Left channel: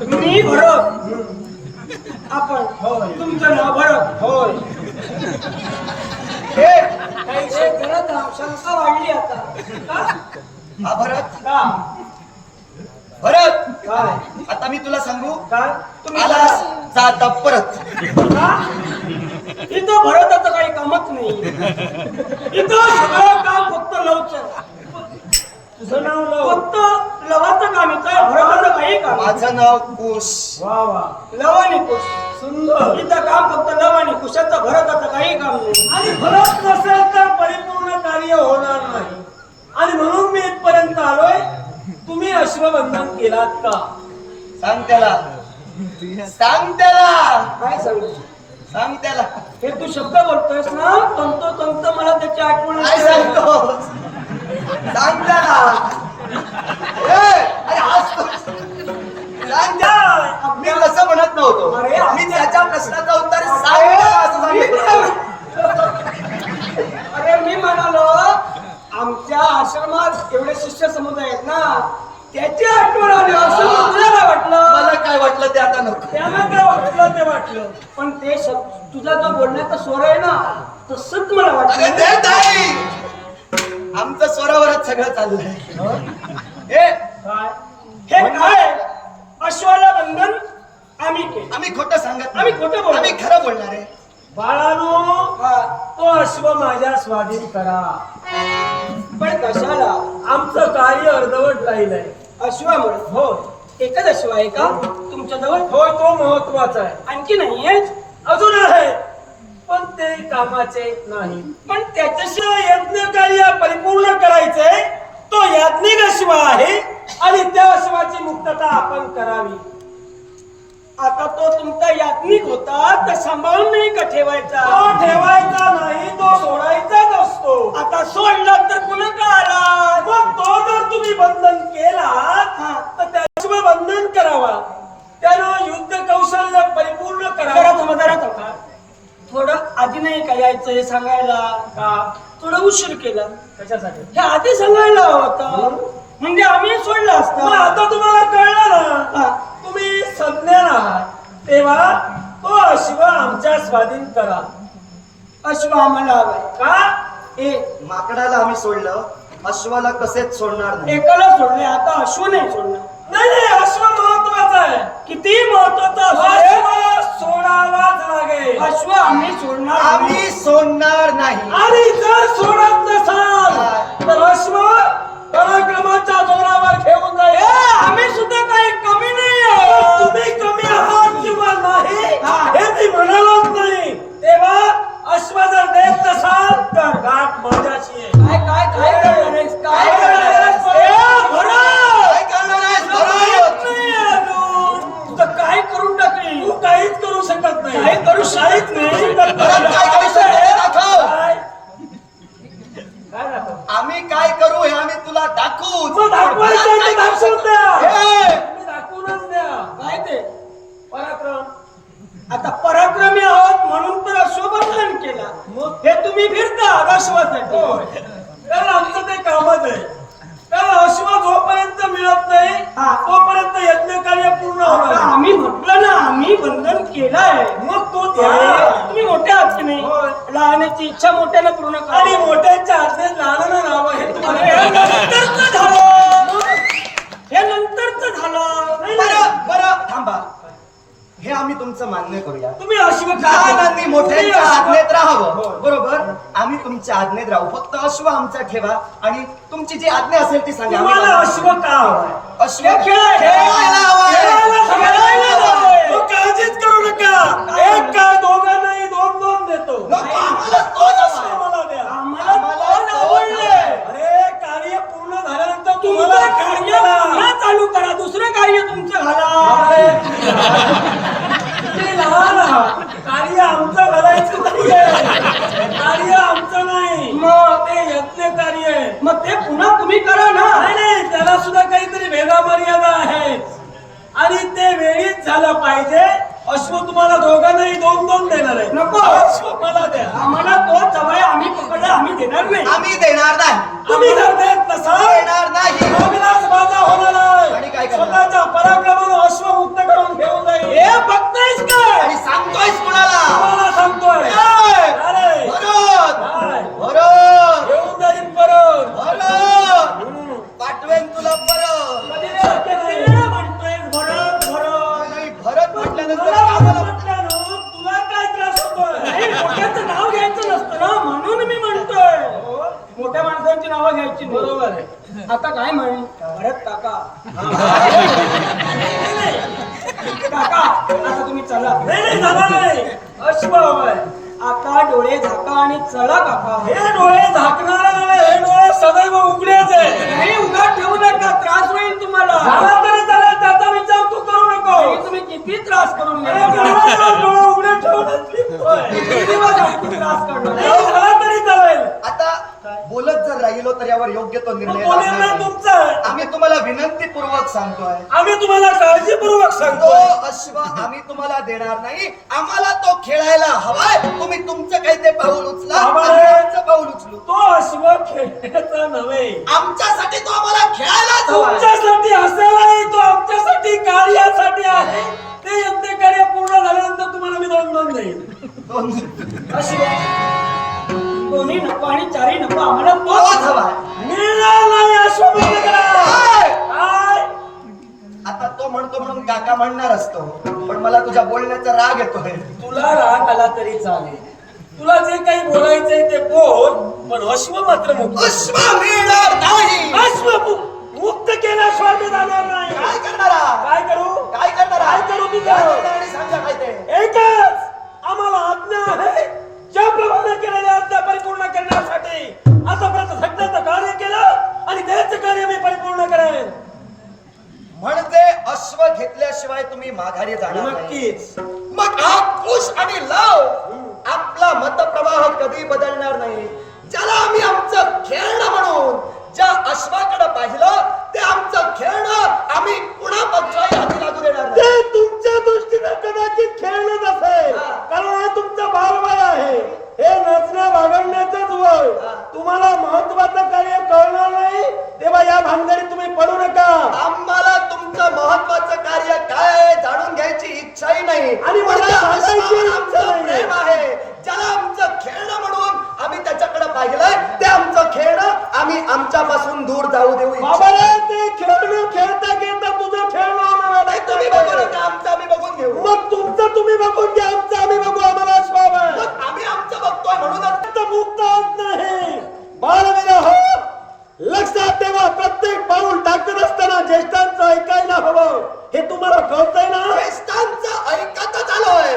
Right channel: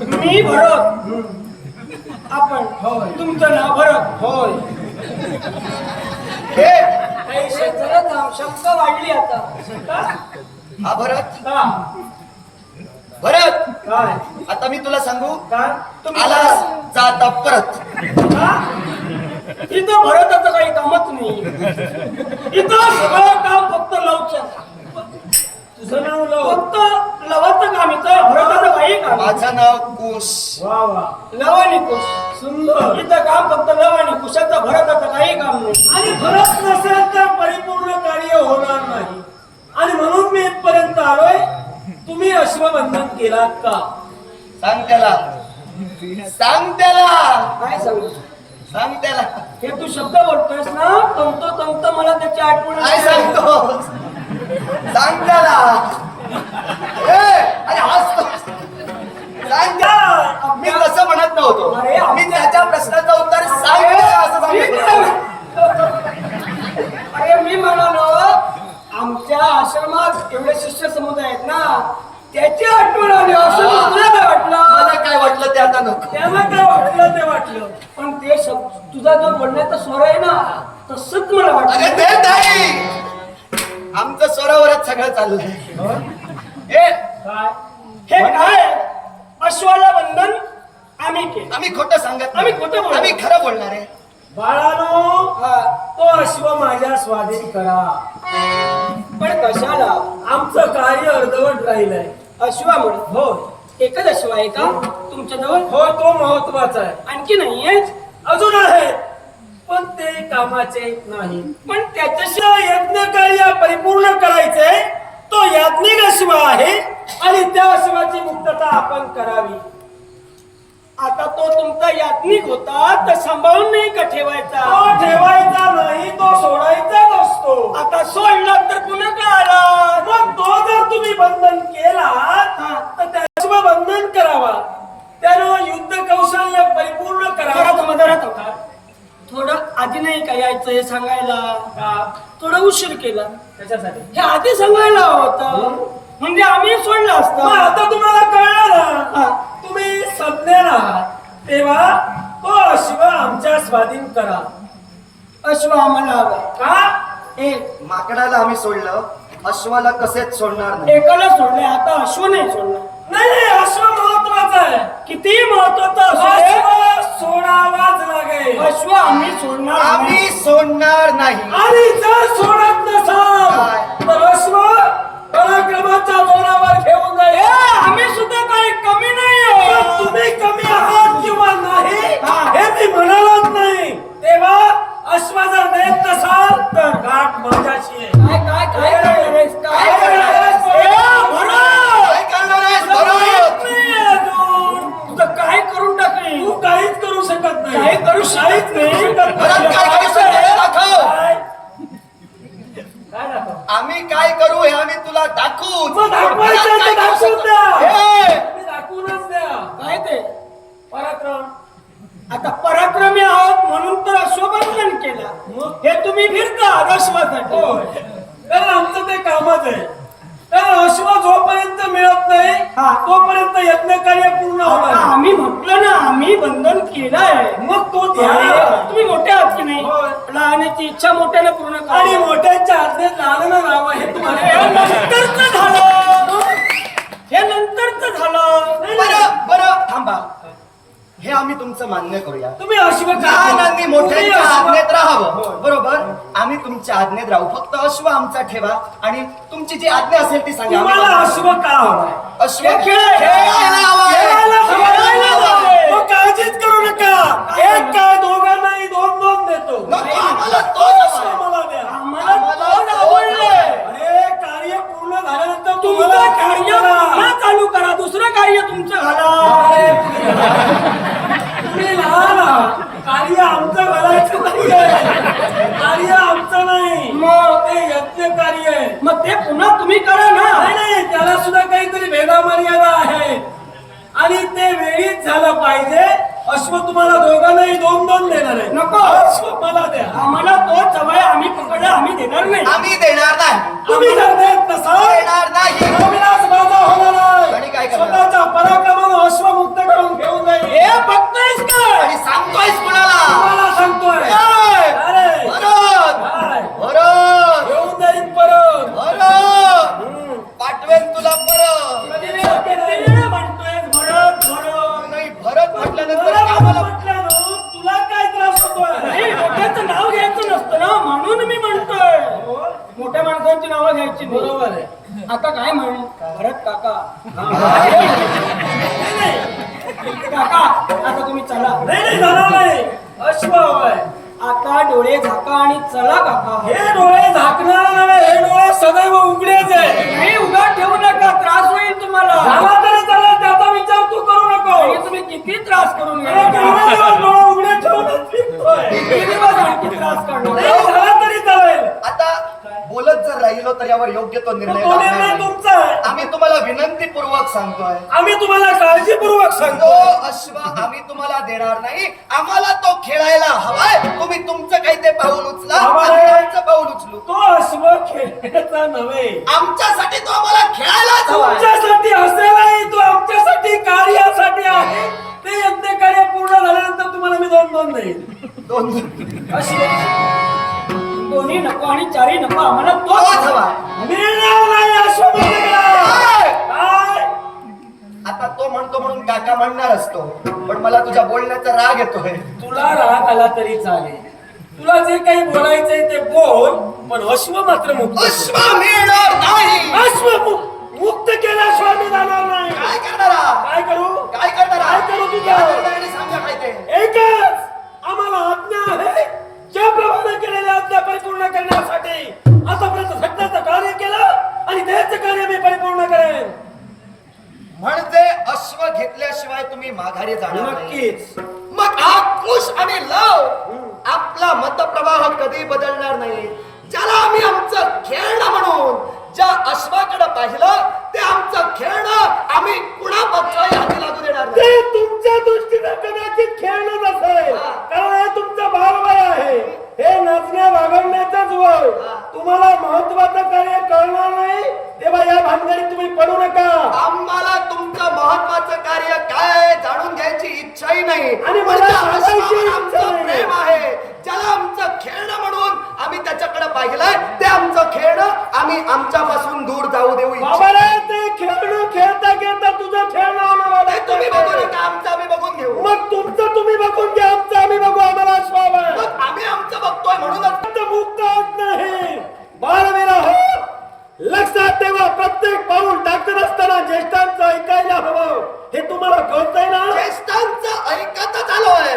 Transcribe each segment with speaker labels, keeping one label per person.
Speaker 1: मी भरत आपण
Speaker 2: होय.
Speaker 1: तुमचं नाव भरत
Speaker 2: होय.
Speaker 3: हे.
Speaker 1: काही शेतकऱ्यात शंका वाढली आता. का?
Speaker 3: हा भरत
Speaker 1: का?
Speaker 3: भरत
Speaker 2: काय?
Speaker 3: आता मी तुला सांगू.
Speaker 2: काय?
Speaker 1: तुम्ही
Speaker 3: आलास जा आता परत.
Speaker 1: का? इथं भरताचं काही कामच नाही इथं सगळं काम फक्त लवचं
Speaker 2: तुझं नाव लव
Speaker 1: फक्त लवाचं काम इथं भरताचं काही काम नाही.
Speaker 3: माझं नाव कुश
Speaker 2: वा वा.
Speaker 1: कुश
Speaker 2: सुंदर.
Speaker 1: इथं काम फक्त लव आणि कुशाचं भरताचं काही काम नाही.
Speaker 2: आणि फरक नसेल तर परिपूर्ण कार्य होणार नाही. आणि म्हणून मी इथपर्यंत आलोय. तुम्ही अश्वबंधन केलात का?
Speaker 3: सांग त्याला. सांग त्याला.
Speaker 1: काय सांगू?
Speaker 3: सांग त्याला.
Speaker 1: हे तू शब्द बोलतोयस ना? तंतो तंत मला त्याची आठवण
Speaker 3: काय
Speaker 1: येते.
Speaker 3: सांगतो? सांग त्याला. ए, अरे हसतो. मी तसं म्हणत नव्हतो.
Speaker 1: अरे,
Speaker 3: मी त्याच्या प्रश्नाचं उत्तर
Speaker 1: अरे मी म्हणालो आमच्या आश्रमात एवढे शिष्य समुदाय आहेत ना त्याची आठवण आली. असं तुला काय वाटलं?
Speaker 3: मला काय वाटलं ते आता नको.
Speaker 2: त्याला काय वाटलं ते वाटलं.
Speaker 1: पण ते शब्द तुझा जो बोलण्याचा स्वर आहे ना तसंच मला
Speaker 3: अरे
Speaker 1: वाटलं
Speaker 3: ते नाही आमचं स्वरावरच सगळं चाललंय. ए
Speaker 2: काय?
Speaker 1: हे काय अश्वाला बंधन आम्ही
Speaker 3: खोटं सांगत नाही.
Speaker 1: आम्ही खोटं बोलतो.
Speaker 3: आम्ही खरं बोलणार आहे.
Speaker 2: बाळानो
Speaker 1: हा,
Speaker 2: तो अश्व माझ्या स्वाधीन करा.
Speaker 1: पण कशाला?
Speaker 2: आमचं कार्य अर्धवट राहिलंय.
Speaker 1: अश्वामुळे?
Speaker 2: हो.
Speaker 1: एकच अश्व आहे का? तुमच्या जवळ?
Speaker 2: होय तो महत्त्वाचा आहे.
Speaker 1: आणखी नाहीये
Speaker 2: अजून आहे पण ते कामाचे नाही.
Speaker 1: पण त्याच्याशी
Speaker 2: अश्व यज्ञ कार्य परिपूर्ण करायचे तो याज्ञिक अश्व आहे आणि त्या अश्वाची मुक्तता आपण करावी.
Speaker 1: आता तो तुमचा यात्निक होता तर सांभाळून नाही का ठेवायचा?
Speaker 2: तो ठेवायचा नाही तो सोडायचाच असतो.
Speaker 1: आता सोडला तर पुन्हा का आला?
Speaker 2: मग तो जर तुम्ही बंधन केलात
Speaker 1: हा.
Speaker 2: तर त्याशिवाय बंधन करावा. त्यानं युद्ध कौशल्य परिपूर्ण करावं.
Speaker 1: थांबा. थोडं आधी नाही का यायचं हे सांगायला?
Speaker 2: का?
Speaker 1: थोडं उशीर केला.
Speaker 2: त्याच्यासाठी
Speaker 1: हे आधी सांगायला होतं. म्हणजे आम्ही सोडलं असतं.
Speaker 2: आता तुम्हाला कळलं ना. तुम्ही सज्ञान आहात तेव्हा तो अश्व आमच्या स्वाधीन करा.
Speaker 1: अश्व आम्हाला हवाय
Speaker 2: का?
Speaker 1: ए
Speaker 3: माकडाला आम्ही सोडलं. अश्वाला कसेच सोडणार नाही?
Speaker 1: एकाला सोडले आता अश्व नाही सोडलं
Speaker 2: नाही नाही अश्व महत्त्वाचा आहे.
Speaker 1: किती महत्वाचं
Speaker 2: अश्व? सोडावाच लागेल.
Speaker 1: अश्व आम्ही सोडणार नाही.
Speaker 3: आम्ही सोडणार नाही.
Speaker 2: आणि जर सोडत नसाल तर अश्व पराक्रमाच्या जोरावर घेऊन
Speaker 1: ए,
Speaker 2: जाईल
Speaker 1: आम्ही सुद्धा काही कमी नाही
Speaker 2: पण
Speaker 1: आहोत.
Speaker 2: तुम्ही कमी आहात किंवा नाही
Speaker 1: हा.
Speaker 2: हे मी म्हणालच नाही तेव्हा अश्व जर नेत नसाल तर गाठ माझ्याशी आहे
Speaker 1: काय काय काय करणार आहेस? काय करणार आहेस? ए, भरत!
Speaker 3: काय करणार आहेस,
Speaker 1: तुला
Speaker 3: भरत?
Speaker 1: माहीत नाही अजून. तुझं काय करून टाकली?
Speaker 2: तू काहीच करू शकत नाही.
Speaker 1: करू शकत नाही?
Speaker 3: आम्ही काय करू हे आम्ही तुला दाखवू.
Speaker 2: दाखवूनच द्या.
Speaker 1: काय ते?
Speaker 2: पराक्रम.
Speaker 1: आता पराक्रमी आहोत. अश्वबंधन केला. हे तुम्ही फिरता
Speaker 2: होय. तर आमचं ते कामच आहे. तर अश्व जोपर्यंत मिळत नाही
Speaker 1: हा.
Speaker 2: तोपर्यंत यज्ञ कार्य पूर्ण होणार.
Speaker 1: आम्ही म्हटलं ना आम्ही बंधन केलंय.
Speaker 2: मग तो
Speaker 1: तुम्ही मोठे आहात की नाही. लहानाची इच्छा मोठ्यानं पूर्ण करा.
Speaker 2: आणि मोठ्यांच्या आज्ञेत लहानांना नाव आहे तुम्हाला.
Speaker 1: हे नंतरच झालं.
Speaker 3: बरं बरं थांबा. हे आम्ही तुमचं मान्य करूया
Speaker 2: तुम्ही अश्व
Speaker 3: लहानांनी मोठ्यांच्या आज्ञेत राहावं. बरोबर आम्ही तुमच्या आज्ञेत राहू फक्त अश्व आमचा ठेवा आणि तुमची जी आज्ञा असेल ती सांगा आम्ही
Speaker 2: तुम्हाला
Speaker 3: मान्य
Speaker 2: अश्व का हवाय
Speaker 3: करू. अश्व
Speaker 1: खेळ-
Speaker 3: खेळायला हवं आहे.
Speaker 2: खेळायला
Speaker 1: खेळायला
Speaker 2: हवाय.
Speaker 1: हवंय.
Speaker 2: मग काळजीच करू नका एक काय दोघांनाही दोन दोन देतो
Speaker 3: नको, आम्हाला तोच
Speaker 2: अश्व
Speaker 3: हवा.
Speaker 2: मला द्या वेळीच झालं पाहिजे. अश्व तुम्हाला दोघांनाही दोन दोन देणार आहे.
Speaker 1: नको.
Speaker 2: अश्व मला द्या.
Speaker 1: आम्हाला तो जमाय आम्ही पकडला आम्ही देणार नाही.
Speaker 3: आम्ही देणार नाही.
Speaker 2: तुम्ही जर देत नसाल
Speaker 3: देणार नाही.
Speaker 2: अविनाश माझा होणार
Speaker 3: आणि
Speaker 2: आहे स्वतःच्या पराक्रमानं अश्व मुक्त
Speaker 3: करून
Speaker 2: घेऊन जाईल. हे बघतायस काय
Speaker 1: सांगतोय कुणाला? तुम्हाला
Speaker 2: सांगतोय. अरे.
Speaker 1: आता तुम्ही चला.
Speaker 2: नाही नाही नाही.
Speaker 1: डोळे झाका आणि चला काका.
Speaker 2: हे डोळे झाकणार नव्हे हे डोळे सदैव उघडेच आहे.
Speaker 1: नाही उगा ठेवू नका त्रास होईल तुम्हाला.
Speaker 2: झाला तरी चालेल त्याचा विचार तू करू नको.
Speaker 1: आणि तुम्ही किती त्रास करून
Speaker 2: दिवस डोळे उघडे ठेवून फिरतोय.
Speaker 1: किती दिवस आणखी त्रास करणार?
Speaker 2: नाही झाला तरी चालेल.
Speaker 3: आता बोलत जर राहिलो तर यावर योग्य तो
Speaker 2: मग
Speaker 3: निर्णय
Speaker 2: तो
Speaker 3: लागणार
Speaker 2: निर्णय
Speaker 3: नाही.
Speaker 2: तुमचा आहे.
Speaker 3: आम्ही तुम्हाला विनंतीपूर्वक सांगतोय.
Speaker 2: आम्ही तुम्हाला काळजीपूर्वक
Speaker 3: तो
Speaker 2: सांगतो
Speaker 3: अश्व आम्ही तुम्हाला देणार नाही. आम्हाला तो खेळायला हवाय. तुम्ही तुमचं काही ते पाऊल उचला
Speaker 2: हवाय.
Speaker 3: आम्ही आमचं पाऊल उचलू.
Speaker 2: तो अश्व खेळायचा नव्हे.
Speaker 3: आमच्यासाठी तो आम्हाला खेळायलाच हवाय.
Speaker 2: तुमच्यासाठी हसायलाही
Speaker 3: आता तो म्हणतो म्हणून काका म्हणणार असतो. पण मला तुझ्या बोलण्याचा राग येतोय.
Speaker 2: तुला राग आला तरी चालेल. तुला जे काही बोलायचंय ते बोल पण अश्व मात्र मुक्त
Speaker 3: अश्व मिळणार नाही.
Speaker 2: अश्व मु- मुक्त केल्याशिवाय मी जाणार नाही
Speaker 3: काय करणारा?
Speaker 2: काय करू?
Speaker 3: काय करणारा?
Speaker 2: काय करू तुझं?
Speaker 3: आणि सांगा काय ते?
Speaker 2: एकच आम्हाला आज्ञा आहे. ज्याप्रमाणे केलेल्या आज्ञा परिपूर्ण करण्यासाठी आतापर्यंत सगळ्याचं कार्य केलं आणि त्याचं कार्य मी परिपूर्ण करेन.
Speaker 3: अश्व घेतल्याशिवाय तुम्ही माघारी जाणार.
Speaker 2: नक्कीच
Speaker 3: मग खुश आणि लव आपला मतप्रवाह कधी बदलणार नाही ज्याला आम्ही आमचं खेळणं म्हणून ज्या अश्वाकडे पाहिलं ते आमचं खेळणं आम्ही पुन्हा हाती लागू देणार
Speaker 2: ते तुमच्या दृष्टीने कदाचित खेळणं नसेल. कारण तुमचा बालवय आहे हे नसण्या वागण्याचाच वय तुम्हाला महत्वाचं कार्य कळणार नाही तेव्हा या भानगडीत तुम्ही पडू नका
Speaker 3: आम्हाला तुमचं महत्वाचं कार्य काय आहे जाणून घ्यायची इच्छाही नाही
Speaker 2: आणि मला सांगायची.
Speaker 3: प्रेम आहे. ज्याला आमचं खेळणं म्हणून आम्ही त्याच्याकडे पाहिलंय ते आमचं खेळणं आम्ही आमच्यापासून दूर जाऊ देऊ
Speaker 2: ते खेळणं खेळता खेळता तुझं खेळणं
Speaker 3: तुम्ही बघू नका आमचं आम्ही बघून घेऊ.
Speaker 2: मग तुमचं ज्येष्ठांचं ऐकायला हवं. हे तुम्हाला कळतंय ना?
Speaker 3: ज्येष्ठांचं ऐकतच आलोय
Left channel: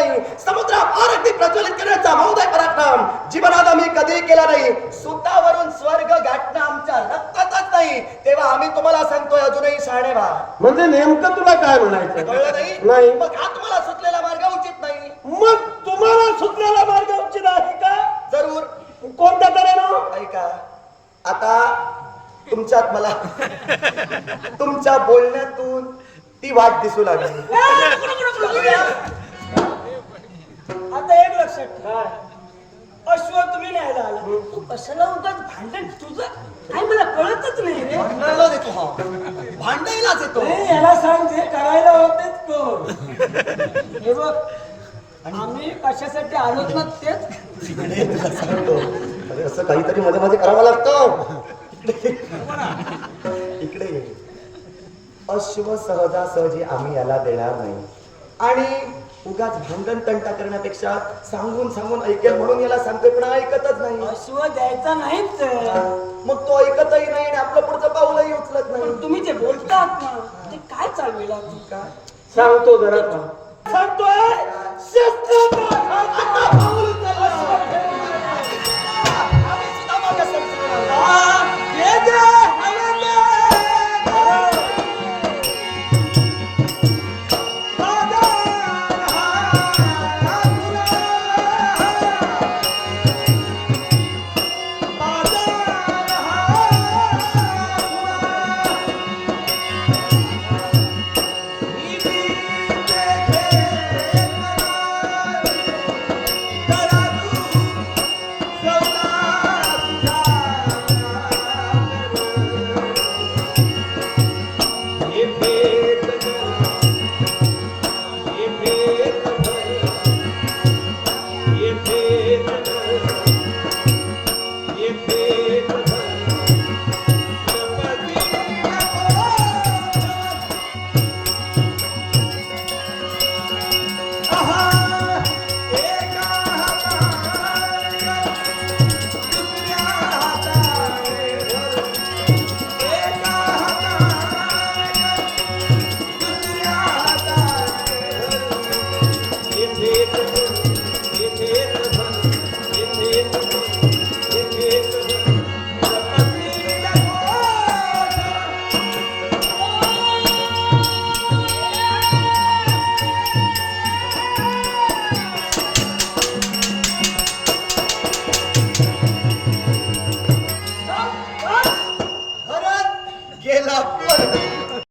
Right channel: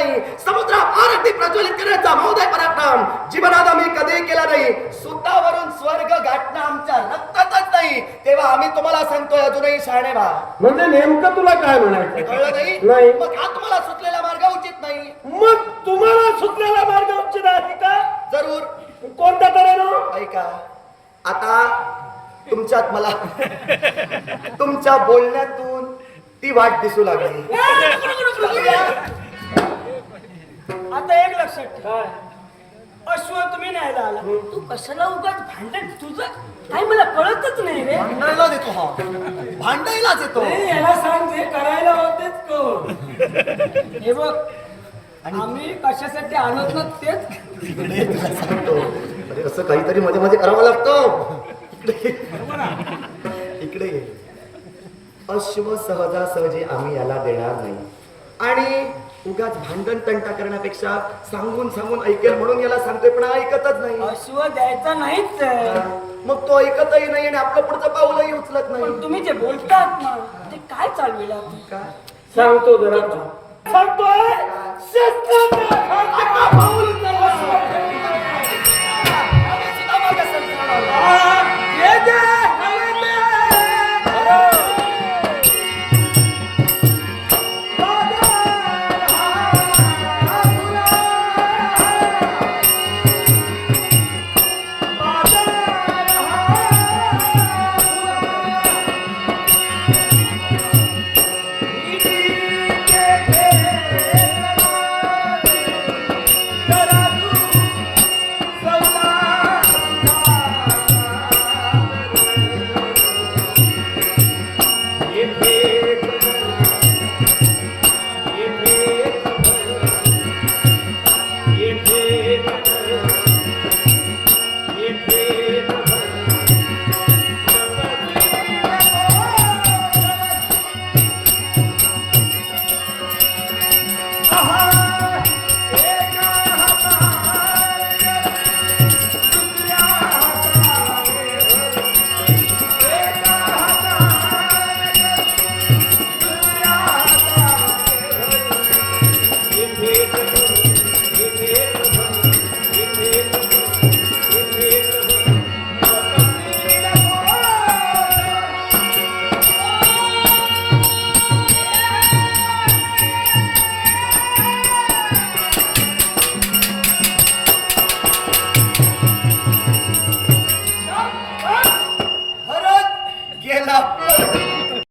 Speaker 3: नाही. समुद्रावर अगदी प्रज्वलित करण्याचा महोदय पराक्रम जीवनात आम्ही कधी केला नाही सुतावरून स्वर्ग गाठणं आमच्या रक्तातच नाही तेव्हा आम्ही तुम्हाला सांगतोय अजूनही शहाणे व्हा
Speaker 2: म्हणजे नेमकं तुला काय म्हणायचं
Speaker 3: कळलं नाही
Speaker 2: नाही.
Speaker 3: मग हा तुम्हाला सुचलेला मार्ग उचित नाही
Speaker 2: मग तुम्हाला सुचलेला मार्ग उचित आहे का
Speaker 3: जरूर
Speaker 2: कोणत्या तऱ्हेनं
Speaker 3: ऐका आता तुमच्यात मला तुमच्या बोलण्यातून ती वाट दिसू लागली
Speaker 1: आता एक लक्षात ठेव. अश्व तुम्ही न्यायला आला. तू कशाला उगाच भांडण? तुझं काय मला कळतच नाही रे.
Speaker 3: भांडायला देतो हा. भांडायलाच येतो
Speaker 2: नाही, याला सांग जे करायला होतेच कोण?
Speaker 1: हे बघ आम्ही कशासाठी आलोत ना तेच?
Speaker 3: अरे असं काहीतरी मध्ये मध्ये करावं लागतं. इकडे इकडे ये. अश्व सहजासहजी आम्ही याला देणार नाही. आणि उगाच भांडण तंटा करण्यापेक्षा सांगून सांगून ऐकेल म्हणून याला सांगतोय पण ऐकतच नाही.
Speaker 1: अश्व द्यायचा नाहीच.
Speaker 3: मग तो ऐकतही नाही आणि आपलं पुढचं पाऊलही उचलत नाही.
Speaker 1: तुम्ही जे बोलतात ना ते काय चालविला
Speaker 3: काय?
Speaker 2: सांगतो जरा. सांगतोय?